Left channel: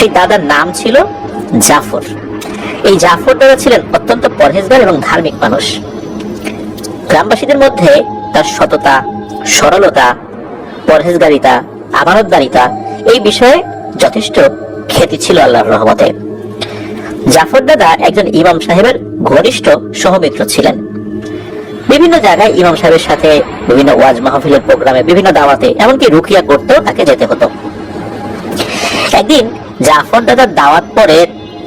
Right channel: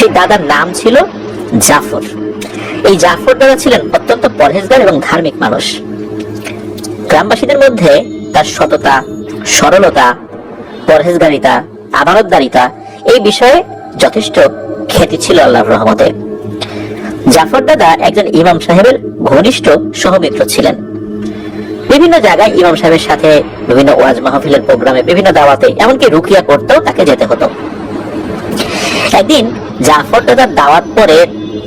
সেই দাদার নাম ছিল জাফর। এই জাফর দাদা ছিলেন অত্যন্ত পরহেজগার এবং ধার্মিক মানুষ। গ্রামবাসীদের মধ্যে তার সততা, সরলতা, পরহেজগারিতা, আমানতদারিতা এই বিষয়ে যথেষ্ট খ্যাতি ছিল আল্লাহর রহমতে। জাফর দাদা একজন ইমাম সাহেবের ঘনিষ্ঠ সহমিত্র ছিলেন। বিভিন্ন জায়গায় ইমাম সাহেবের সাথে বিভিন্ন ওয়াজ মাহফিলের প্রোগ্রামে, বিভিন্ন দাওয়াতে, এমনকি রুকিয়া করতেও তাকে যেতে হতো। একদিন জাফর দাদার দাওয়াত পরে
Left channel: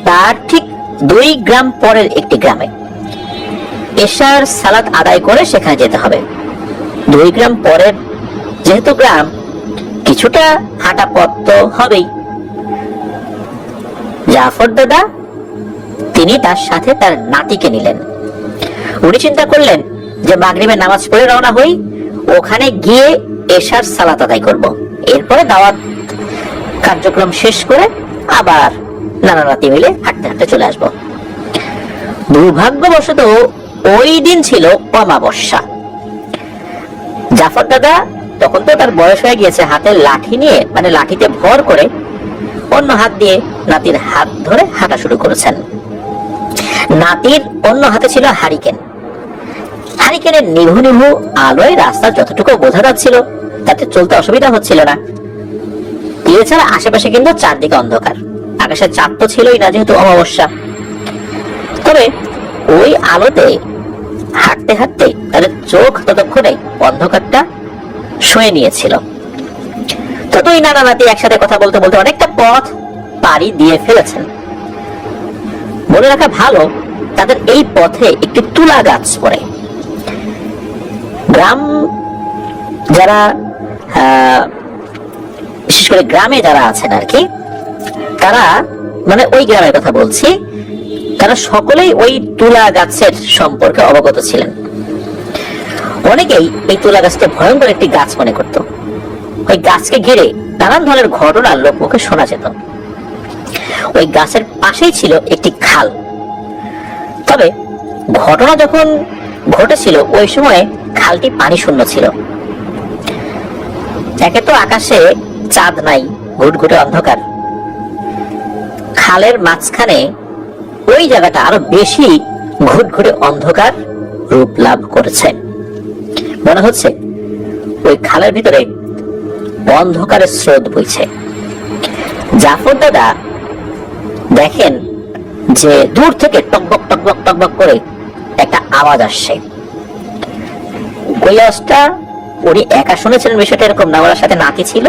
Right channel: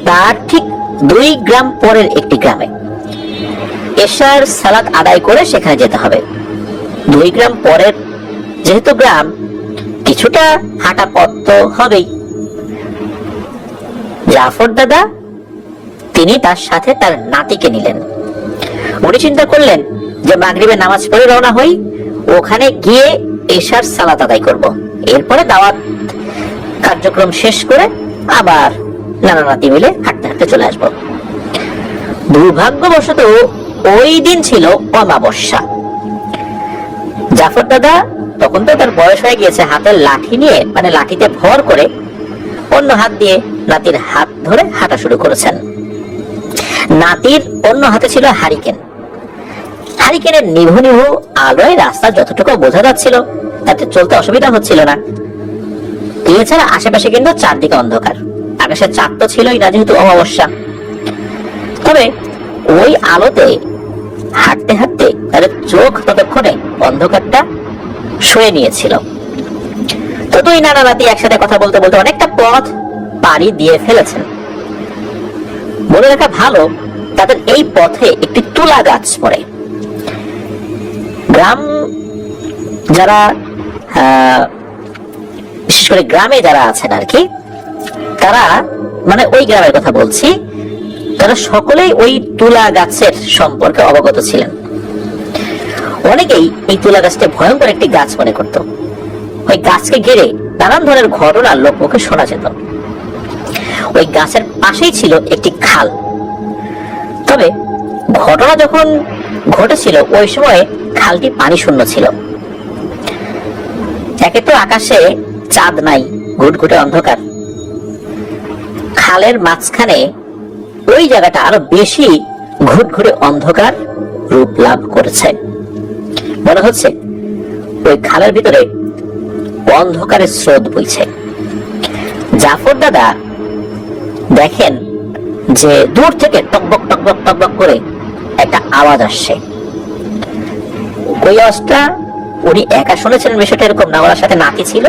তার ঠিক 2 গ্রাম পরের একটি গ্রামে এশার সালাত আদায় করে সেখানে যেতে হবে। 2 গ্রাম পরের যেহেতু গ্রাম, কিছুটা হাঁটা পথ তো হবেই। জাফর দাদা তিনি তার সাথে তার নাতিকে নিলেন। উনি চিন্তা করলেন যে মাগরিবের নামাজ পড়ে রওনা হই, ওখানে গিয়ে এশার সালাত আদায় করব, এরপরে দাওয়াত কার্যক্রম শেষ করে আবার নানা নাতি মিলে হাঁটতে হাঁটতে চলে আসবো। দুর্ভাগ্যবশত ওই দিন ছিল অমাবস্যা। জাফর দাদা তখন তো তার বয়স হয়ে গিয়েছে, হাতের লাঠি নিয়ে, মানে লাঠিতে ভর করে অন্য হাত দিয়ে নাতির হাত ধরে হাঁটা শুরু করেছেন। নাতির অন্য হাতে ছিল হারিকেন। হারিকেনের নিভু নিভু আলোয় রাস্তা যতটুকু বোঝা যাচ্ছিল তাতে চলতে অসুবিধা হচ্ছিল না। এছাড়া আশেপাশে কিন্তু চারদিকে অন্ধকার, আকাশের চাঁদ তো ছিলই না যেহেতু অমাবস্যা। তবে ওই আলোতে হাঁটতে হাঁটতে তাদের চোখ ততক্ষণে অন্ধকারটা শুয়ে নিয়েছিল। তো 2 নানা নাতি একসাথে কথা বলতে বলতে অনেকটা পথ পাড়ি দিয়ে ফেলেছেন। মনে রাখা ভালো, তাদের এই পথে একটি তুলা গাছ পড়ে। গ্রাম যারা বিশেষ করে গ্রামে যারা আছেন আর কি, তারা, মানে ওই গ্রামের কথা বলছি, তারা সকলেই ওই তুলা গাছের সম্পর্কে অবগত ছিলেন। অনেকেই এই তুলা গাছকে ভয়ঙ্কর একটি গাছ মনে করত। ওই গাছকে ঘিরে নানান ধরনের ঘটনা লোকমুখে শোনা যেত। ওই গাছের পাশেই ছিল একটি খাল। তবে ঘটনা যখন ঘটেছিল ওই সময়ে খালটি পানি শূন্য ছিল। একে তো আকাশে চাঁদ নাই, ঘুটঘুটে অন্ধকার। খালের মাঝখানে ওই জায়গাটা আরো বেশি ঘুটঘুটে অন্ধকার রূপ লাভ করেছে। মনে হচ্ছে ওই খালের ভিতরে অন্ধকারের স্রোত বইছে। জাফর দাদা দেখেন যে দূর থেকে টকবক টকবক টকবক করে একটা আওয়াজ আসছে। ওই আওয়াজটা উনি একা শুনেছিলেন বিষয়টা এরকম না, ওনার সাথে নাতি ছিল,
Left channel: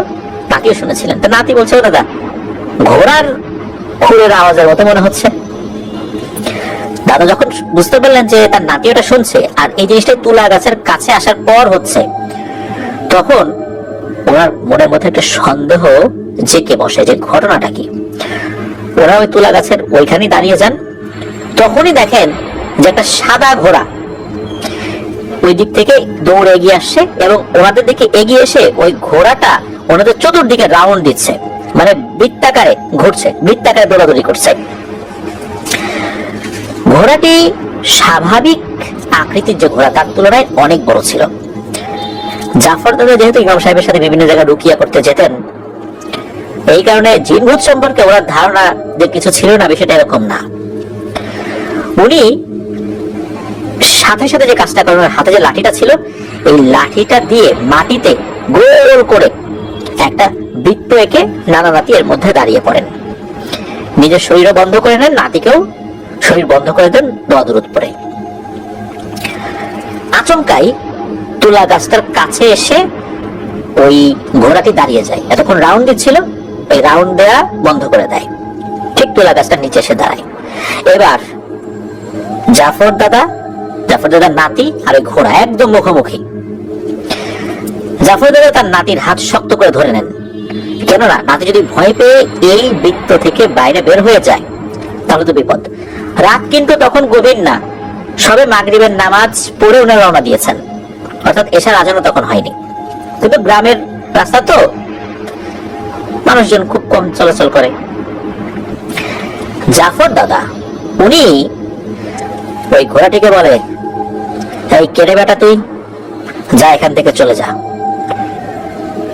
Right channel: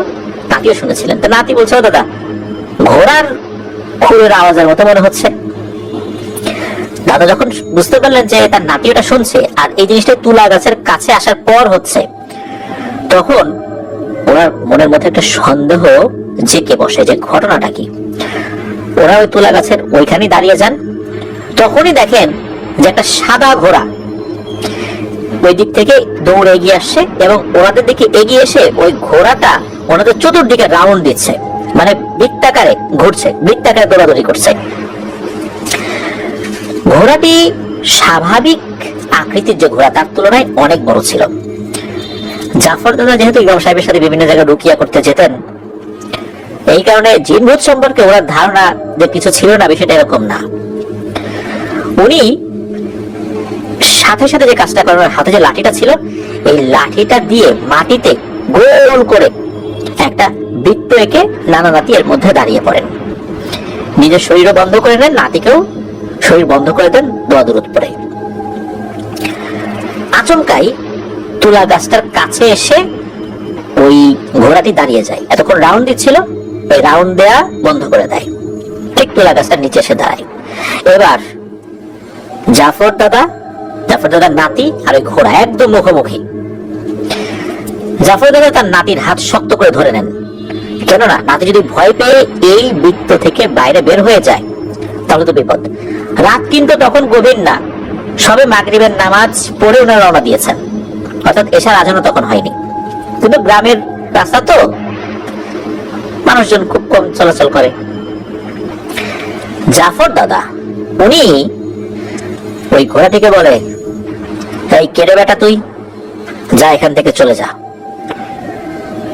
নাতিও শুনেছিলেন। তো নাতি বলছে, দাদা ঘোড়ার খোঁড়ের আওয়াজের মতো মনে হচ্ছে। দাদা যখন বুঝতে পারলেন যে তার নাতি ওটা শুনছে আর এই জিনিসটা তুলা গাছের কাছে আসার পর হচ্ছে, তখন ওনার মনের মধ্যে একটা সন্দেহ জেঁকে বসে যে ঘটনাটা কি। ওরা ওই তুলা গাছের ওইখানে দাঁড়িয়ে যান। তখনই দেখেন যে একটা সাদা ঘোড়া ওই দিক থেকে দৌড়ে এগিয়ে আসছে এবং ওনাদের দিকে এগিয়ে এসে ওই ঘোড়াটা ওনাদের চতুর্দিকে রাউন্ড দিচ্ছে, মানে বৃত্তাকারে ঘুরছে, বৃত্তাকারে দৌড়াদৌড়ি করছে। ঘোড়াটি স্বাভাবিক আকৃতির যে ঘোড়া তার তুলনায় অনেক বড় ছিল। জাফর দাদা যেহেতু ইমাম সাহেবের সাথে বিভিন্ন জায়গায় রুকিয়া করতে যেতেন, এই কারণে জিনভূত সম্পর্কে ওনার ধারণা যে কিছু ছিল না, বিষয়টা এরকম না। উনি সাথে সাথে যে কাজটা করেন, হাতে যে লাঠিটা ছিল, এই লাঠিটা দিয়ে মাটিতে গোল করে একটা বৃত্ত এঁকে নানা নাতি এর মধ্যে দাঁড়িয়ে পড়েন। নিজের শরীরও বন্ধ করে নেন, নাতিকেও শরীর বন্ধ করে দেন, দোয়া দরুদ পড়ে। আচমকাই তুলা গাছটার কাছে এসে ওই ঘোড়াটি দাঁড়িয়ে যায়। এতক্ষণ রাউন্ড দিচ্ছিল, এই রাউন্ড দেয়া বন্ধ করে দেয়, ঠিক তুলা গাছটার নিচে এসে দাঁড়ায়। এবার জাফর দাদার নাতি আর ওই ঘোড়া একদম মুখোমুখি। জাফর দাদা তার নাতির হাত শক্ত করে ধরে নেন, কেননা নাতি যদি ভয় পেয়ে এই বৃত্ত থেকে বাইরে বের হয়ে যায় তাহলে তো বিপদ। রাত কিন্তু তখন গভীর না, সবে মাগরিবের নামাজ পড়ে উনি রওনা দিয়েছেন, অর্থাৎ এশার আজানও তখন হয়নি। কিন্তু গ্রামের রাস্তা তো, মানুষজন খুব কম চলাচল করে। জাফর দাদা উনি ওই ঘোড়াটিকে বলে, এই কেড়ে বেটা তুই যা, এখান থেকে চলে যা।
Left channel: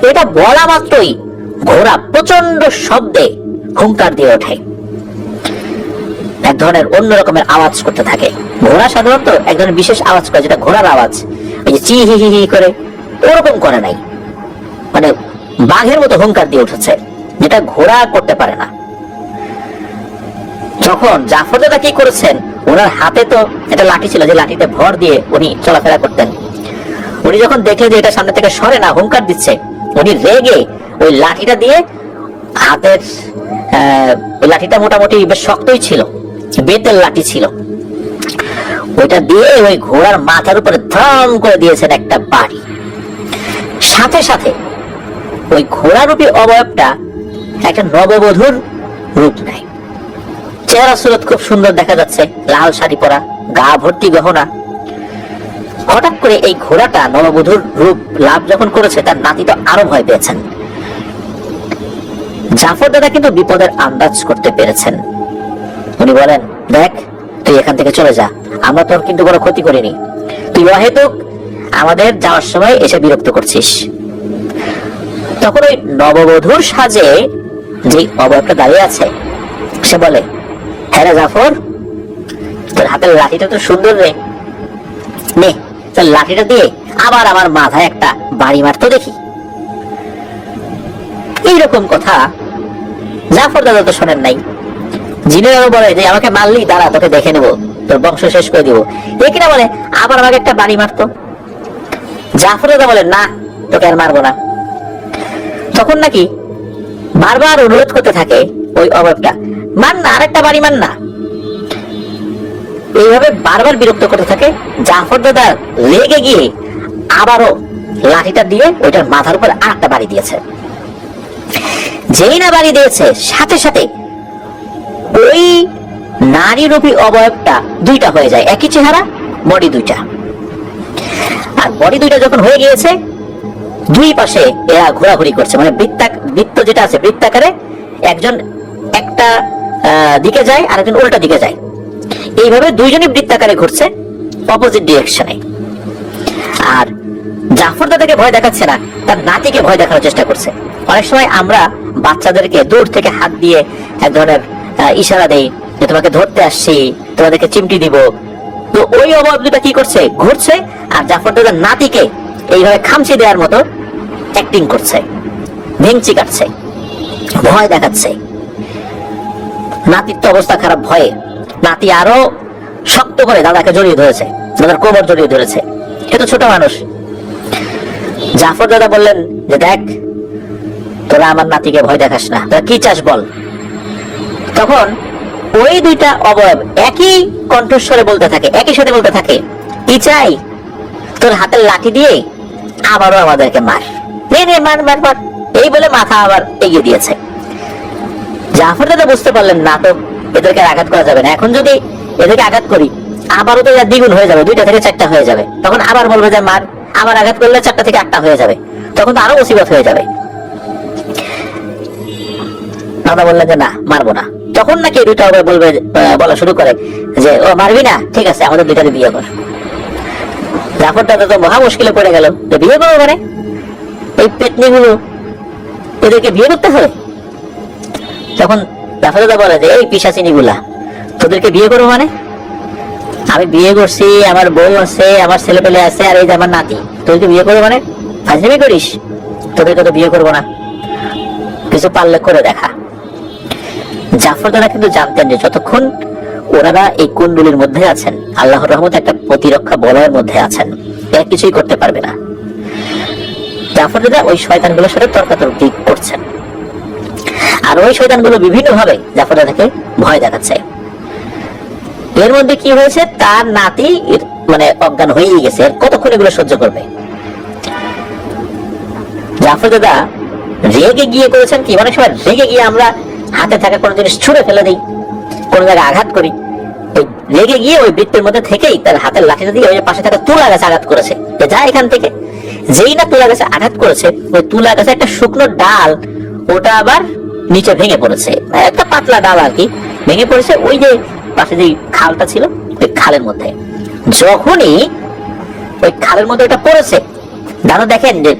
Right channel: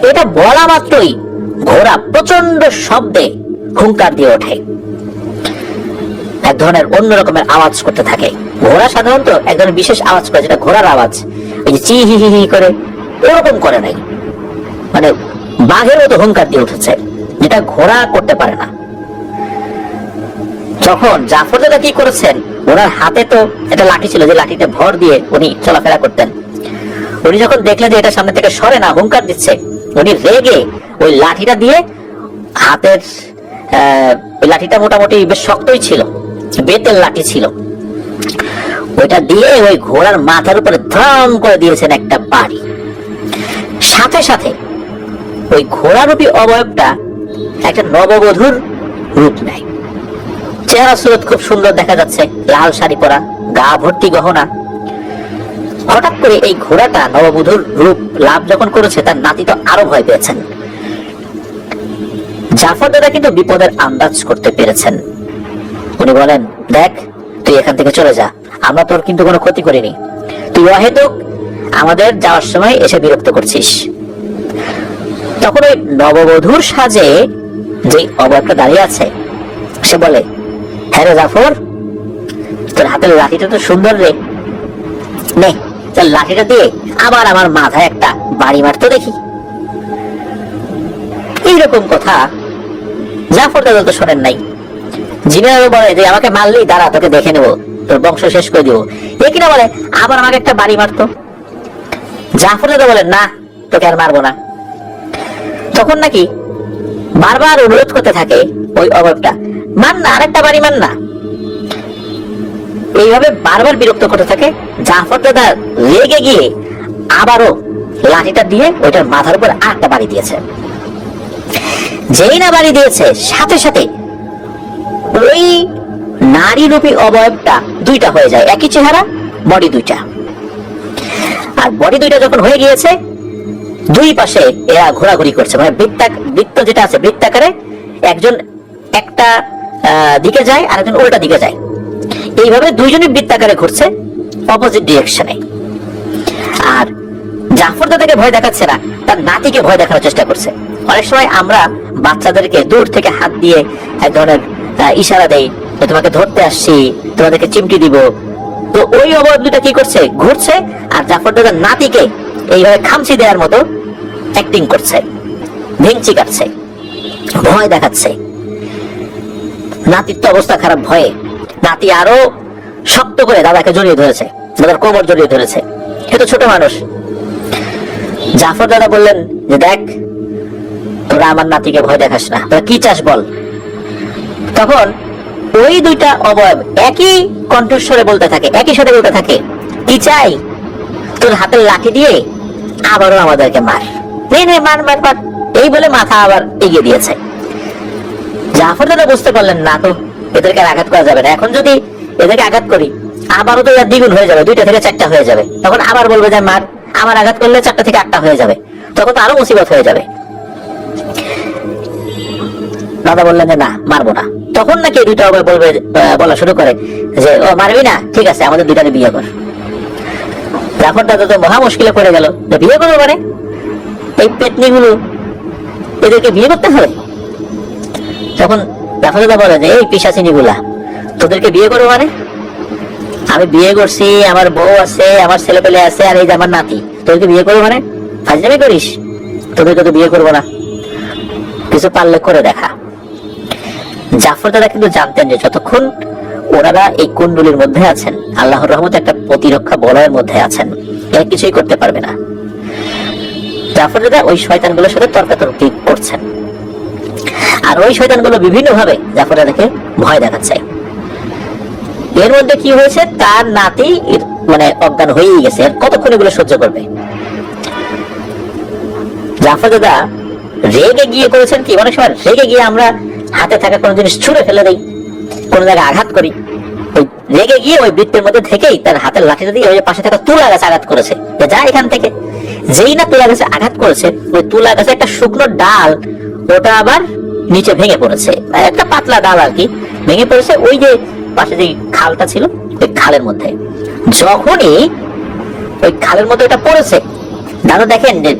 এটা বলা মাত্রই ঘোড়া প্রচন্ড শব্দে হুঙ্কার দিয়ে ওঠে, এক ধরনের অন্য রকমের আওয়াজ করতে থাকে। ঘোড়া সাধারণত এক ধরনের বিশেষ আওয়াজ করে, যেটা ঘোড়ার আওয়াজ, ওই যে চি হি হি হি করে ওরকম করে নাই, মানে বাঘের মতো হুঙ্কার দিয়ে উঠেছে, যেটা ঘোড়া করতে পারে না। যখন জাফর দাদা কি করেছেন, ওনার হাতে তো একটা লাঠি ছিল, যে লাঠিতে ভর দিয়ে উনি চলাফেরা করতেন। উনি যখন দেখলেন যে এটা সামনে থেকে সরে না, হুঙ্কার দিচ্ছে, উনি রেগে ওই লাঠিটা দিয়ে হাতের ওই লাঠিটা মোটামুটি বেশ শক্তই ছিল, বেতের লাঠি ছিল, ওইটা দিয়ে ওই ঘোড়ার মাথার উপরে ধাম করে দিয়েছেন একটা বাড়ি। সাথে সাথে ওই ঘোড়ারূপী অবয়বটা একটা নববধূর রূপ নেয়। চেহারা সুরত খুব সুন্দর দেখা যাচ্ছে, লাল শাড়ি পরা, গা ভর্তি গহনা। হঠাৎ করে এই ঘোড়াটা নববধূর রূপ লাভ যখন করেছে, তার নাতি তো আরো ভয় পেয়েছেন। জাফর দাদা কিন্তু বিপদের আন্দাজ করতে পেরেছেন। উনি বলেন, দেখ তুই এখান থেকে চলে যা, আমরা তোর কিন্তু কোনো ক্ষতি করিনি, তুই অহেতুক আমাদের যাওয়ার সময় এসে বিরক্ত করছিস। তখন ওই নববধূর সাজে যে অবয়বটা দাঁড়িয়ে আছে, সে বলে, হ্যাঁ রে জাফর, তোর হাতের লাঠিটা তো সুন্দর রে, নে তোর লাঠিটা দিয়ে আবার আমার মাথায় একটা বাড়ি মারতো দেখি। এইরকম কথা জাফর দাদা তো শোনেন নাই। জিনেরাও বলে যে আমাকে মারলি, দাঁড়া তোকে দেখে নেবো, তোর বংশ শেষ করে দিব। এ কিনা বলে আবার আমাকে একটা বাড়ি মারতো। জাফর দাদা বলে, না তোকে আর মারবো না। তখন নাকি বারবার অনুরোধ করতে থাকে ওই অভাবটা, মান না, আরেকটা বাড়ি মান না। এইভাবে বারবার বিরক্ত করতে থাকে। জাফর দাদা রেগে গিয়ে আবারও লাঠিটা দিয়ে ওইটার মাথার উপর আরেকটা বাড়ি দিয়েছে। যেই না বাড়ি দিয়েছে, সাথে সাথে ওই নারী রূপী অবয়বটা দুইটা হয়ে যায়, একই চেহারা, বডি দুইটা। আর বডি দুইটা যখন হয়ে গিয়েছে, দুই পাশে এরা ঘোরাঘুরি করছে, মানে বৃত্ত যেটা আছে বৃত্তাকারে, একজন একটা দিকে যায়, আরেকজন উল্টা দিকে যায়। এইভাবে দুইজনই বৃত্তাকারে ঘুরছে অপোজিট ডিরেকশনে। আর জাফর দাদাকে ভয় দেখাচ্ছে না, তার নাতিকে ভয় দেখানোর চেষ্টা করছে। অনেক সময় আমরা বাচ্চাদেরকে দূর থেকে হাত দিয়ে এক ধরনের ইশারা দেই, তোমাকে ধরতে আসছি, তোমাদেরকে চিমটি দিব। তো ওই অবয়ব দুটা কি করছে, ঘুরছে, আর জাফর দাদার নাতিকে এইভাবে খামচি দেওয়ার মতো অ্যাক্টিং করছে, ভেঙচি কাটছে, ভয় দেখাচ্ছে। নাতির তো অবস্থা খারাপ ভয়ে। নাতি আরো শক্ত করে দাদাকে জড়িয়ে ধরেছে, দাদার কোমর জড়িয়ে ধরেছে। এত ছোট মানুষ। জাফর দাদা বললেন যে, দেখ তোরা আমার নাতিকে ভয় দেখাস না, তোরা কি চাস বল। তখন ওই দুইটা অবয়ব একই কণ্ঠস্বরে বলতে থাকে, একই সাথে বলতে থাকে, কি চাই, তোর হাতের লাঠি দিয়ে আবারও আমাদেরকে মার, নে মার মার মার। এই বলে মাথা আবার এগিয়ে দিয়েছে। জাফর দাদা বুঝতে পারলেন, না তো এদেরকে আঘাত করা যাবে না, এখন যদি এদেরকে আঘাত করি আবারও তো এরা দ্বিগুণ হয়ে যাবে, 2টা থেকে 4টা হয়ে যাবে। তখন আবার বলবে যে মার, আবার আঘাত করলে 4টা থেকে 8টা হয়ে যাবে, তখন তো আরো মুসিবত হয়ে যাবে। দাদা বললেন যে না, মারবো না। তখন নাকি দুইটা অবয়ব বলা শুরু করে যে, ও মারবি না, ঠিক আছে আমাদের দুইটাকে বিয়ে কর। জাফর দাদা তো মহা মুশকিলে পড়ে গেল, বিয়ে করবো মানে এই পেতনি গুলো, এদেরকে বিয়ে করতে হবে। তখন জাফর দাদা বলে যে, এই পিশাচিনী গুলা, তোদেরকে বিয়ে করবো মানে, আমি বিয়ে করছি, আমার বউ আছে, আমার ছেলে পেলে আছে, আর এই যে আমার নাতি, তোদেরকে বিয়ে করবো মানে ফাজলামি করিস, তোদেরকে তো বিয়ে করবো না, কিছু পারলে করে দেখা। জাফর দাদা কিন্তু জানতেন যে যতক্ষণ ওনারা এই কুণ্ডলীর মধ্যে আছেন, আল্লাহর রহমতে একটা প্রতিরক্ষা বলয়ের মধ্যে আছেন, এরা কিছুই করতে পারবে না। জাফর দাদা ওই শয়তানগুলোর সাথে তর্কাতর্কি করছেন, আর ওই শয়তানগুলো বিভিন্ন ভাবে জাফর দাদাকে ভয় দেখাচ্ছে। এর মধ্যে কি হয়েছে, তার নাতি মানে অজ্ঞান হয়ে গেছে, কতক্ষণ এগুলো সহ্য করবে। জাফর দাদা রেগে গিয়ে করেছেন কি, অনেক সময় রেগে গিয়ে আমরা হাতে থাকা কোনো জিনিস ছুঁড়ে ফেলে দেই, কোন জায়গায় আঘাত করি। রেগে গিয়ে ওই বৃত্তের মধ্যে থেকেই তার হাতের লাঠিটা দিয়ে ওই পাশে থাকা তুলা গাছে আঘাত করেছে, যা এখান থেকে। যেই না তুলা গাছে আঘাত করেছে, ওই তুলা গাছে একটা শুকনো ডাল, ওটা আবার নিচে ভেঙে পড়েছে, একটা পাতলা ডাল আর কি, ভেঙে পড়েছে ওই যে পাশে যে খালটা ছিল, ওই খালের মধ্যে। যখনই ওই খালের মধ্যে এটা পড়েছে, দাদা দেখেন যে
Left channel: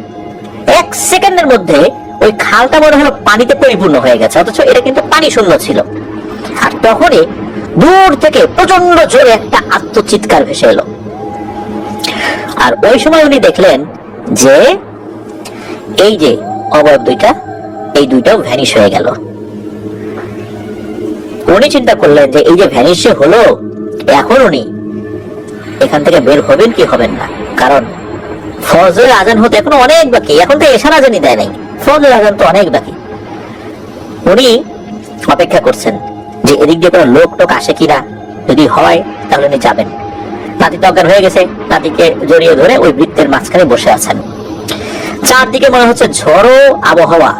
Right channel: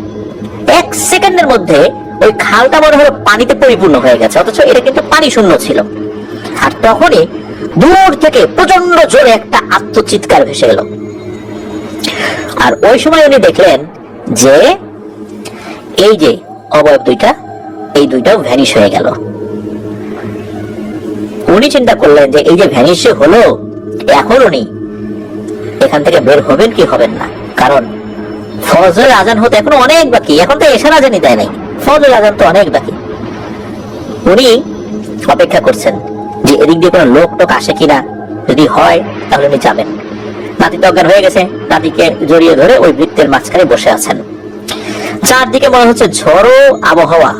1 সেকেন্ডের মধ্যে ওই খালটা মনে হলো পানিতে পরিপূর্ণ হয়ে গেছে, অথচ এটা কিন্তু পানি শূন্য ছিল। আর তখনই দূর থেকে প্রচন্ড জোরে একটা আত্মচিৎকার ভেসে এলো। আর ওই সময় উনি দেখলেন যে এই যে অবয়ব দুইটা, এই দুইটাও ভ্যানিশ হয়ে গেল। উনি চিন্তা করলেন যে এই যে ভ্যানিশ হলো, এখন উনি এখান থেকে বের হবেন কি হবেন না, কারণ ফজরের আজান হতে এখন অনেক বাকি, এখন তো এশার আজানই দেয় নাই, ফজরের আজান তো অনেক বাকি। উনি অপেক্ষা করছেন যে এদিক দিয়ে কোনো লোক টোক আসে কিনা, যদি হয় তাহলে উনি যাবেন। নাতি তো অজ্ঞান হয়ে গেছে, নাতিকে জড়িয়ে ধরে ওই বৃত্তের মাঝখানে বসে আছেন। চারদিকে মনে হচ্ছে ঝড়ো আবহাওয়া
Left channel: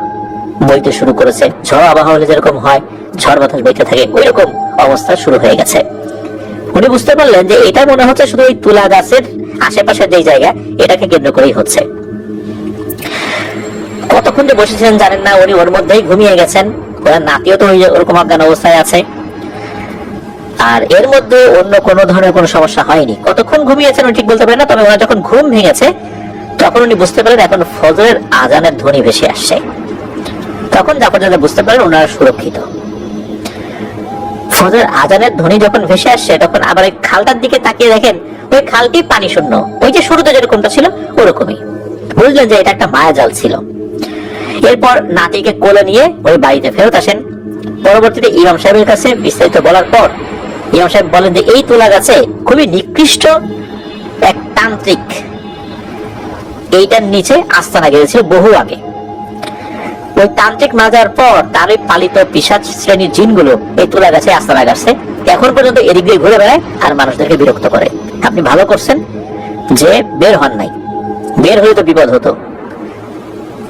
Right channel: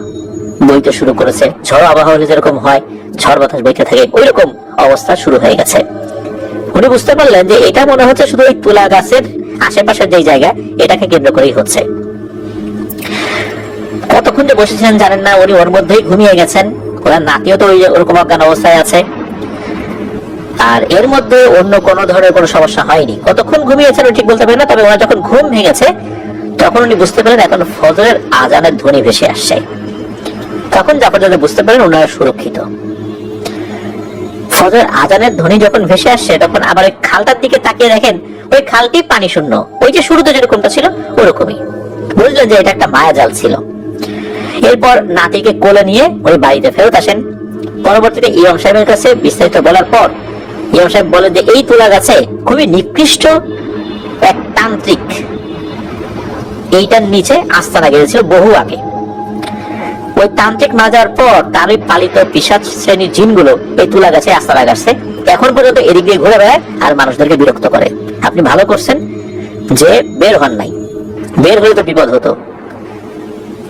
বইতে শুরু করেছে। ঝড়ো আবহাওয়া যেরকম হয়, ঝড় বাতাস বইতে থাকে, ওই রকম অবস্থা শুরু হয়ে গেছে। উনি বুঝতে পারলেন যে এটা মনে হচ্ছে শুধু ওই তুলা গাছের আশেপাশে যে জায়গা, এটাকে কেন্দ্র করেই হচ্ছে। কতক্ষণ যে বসেছেন জানেন না, উনি ওর মধ্যেই ঘুমিয়ে গেছেন। ওনার নাতিও তো ওরকম অজ্ঞান অবস্থায় আছে। আর এর মধ্যে অন্য কোনো ধরনের কোনো সমস্যা হয়নি। কতক্ষণ ঘুমিয়েছেন ঠিক বলতে পারেন না, তবে ওনার যখন ঘুম ভেঙেছে তখন উনি বুঝতে পারেন এখন ফজরের আজানের ধ্বনি ভেসে আসছে। তখন যখন বুঝতে পারেন ওনারা সুরক্ষিত। ফজরের আজানের ধ্বনি যখন ভেসে আসছে, তখন আবার ওই খালটার দিকে তাকিয়ে দেখেন ওই খালটি পানি শূন্য, ওই যে শুরুতে যেরকমটা ছিল ওরকমই। বুঝলেন যে এটা একটা মায়া জাল ছিল। এরপর নাতিকে কোলে নিয়ে ওই বাড়িতে ফেরত আসেন। পরবর্তীতে ইমাম সাহেবের কাছে বিস্তারিত বলার পর ইমাম সাহেব বলেন যে এই তুলা গাছে খুবই নিকৃষ্ট এক তান্ত্রিক এইটার নিচে আস্তানা গেছিল বহু আগে। ওই তান্ত্রিক মাজার পর তার ওই পালিত পিশাচ শ্রেণীর জিনগুলো এই তুলা গাছে আস্তানা গাছছে, এখন পর্যন্ত এদিক দিয়ে ঘুরে বেড়ায় আর মানুষদেরকে বিরক্ত করে। আপনি ভালো করছেন যে বের হন নাই, বের হলে তো বিপদ হতো।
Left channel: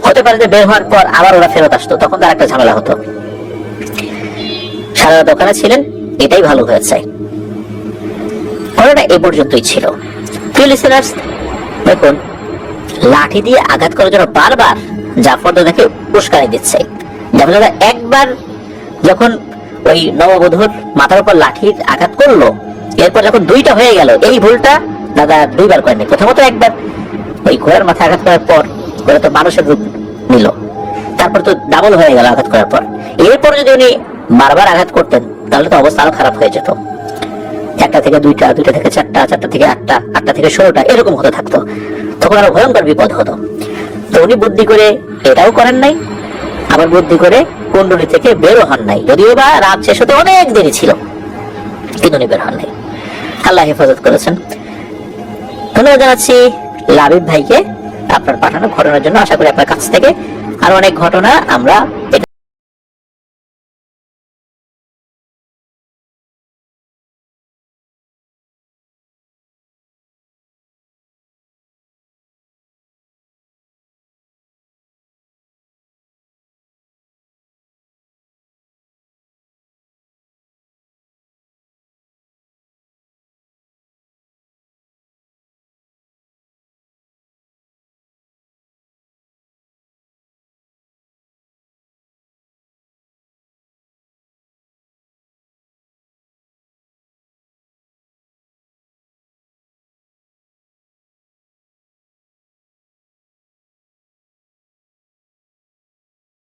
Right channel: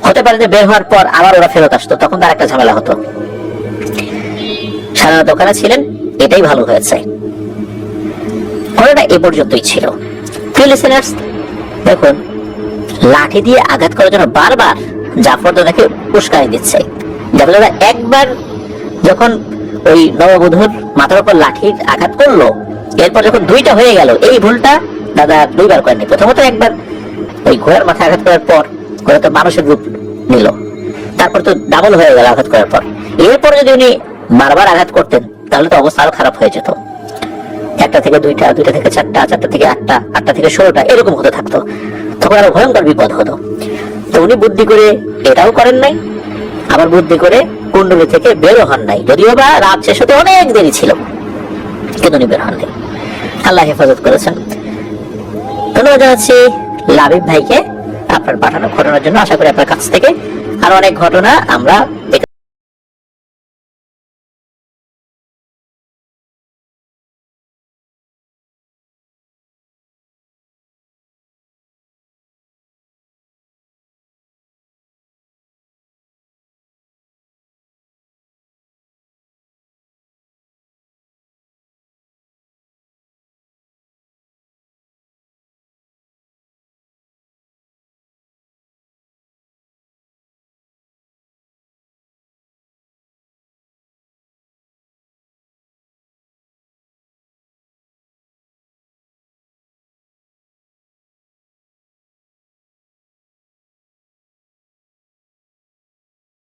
হতে পারে যে বের হওয়ার পর আবার ওরা ফেরত আসতো, তখন তার একটা ঝামেলা হতো। সারা রাত ওখানে ছিলেন, এটাই ভালো হয়েছে। ওটা এ পর্যন্তই ছিল। দেখুন, লাঠি দিয়ে আঘাত করার জন্য বারবার জাফর তো দেখে উস্কানি দিচ্ছে। জাফর একবার যখন ওই নববধূর মাথার উপর লাঠির আঘাত করলো, এরপর যখন দুইটা হয়ে গেল, এই ভুলটা দাদা দুইবার করেননি। প্রথমত একবার ওই ঘোড়ার মাথায় আঘাত করার পর ঘোড়া তো মানুষের রূপ নিল, তারপর তো ডাবল হয়ে গেল আঘাত করার পর। এরপর যদি উনি বারবার আঘাত করতেন তাহলে তো অবস্থা আরো খারাপ হয়ে যেত। একটা থেকে দুইটা, দুইটা থেকে চারটা, চারটা থেকে আটটা, আটটা থেকে 16টা, এরকম হতে থাকতো, তখন আরো ভয়ঙ্কর বিপদ হতো। তো উনি বুদ্ধি করে এটাও করেন নাই, আবার বুদ্ধি করে কুণ্ডলী থেকে বেরো হন নাই, যদিও বা রাত শেষ হতে অনেক দেরি ছিল, কিন্তু উনি বের হন নাই। আল্লাহ হেফাজত করেছেন। ধন্যবাদ জানাচ্ছি লাবিব ভাইকে আপনার পাঠানো ঘটনার জন্য। আশা করি আপনার কাছ থেকে আরো অনেক ঘটনা আমরা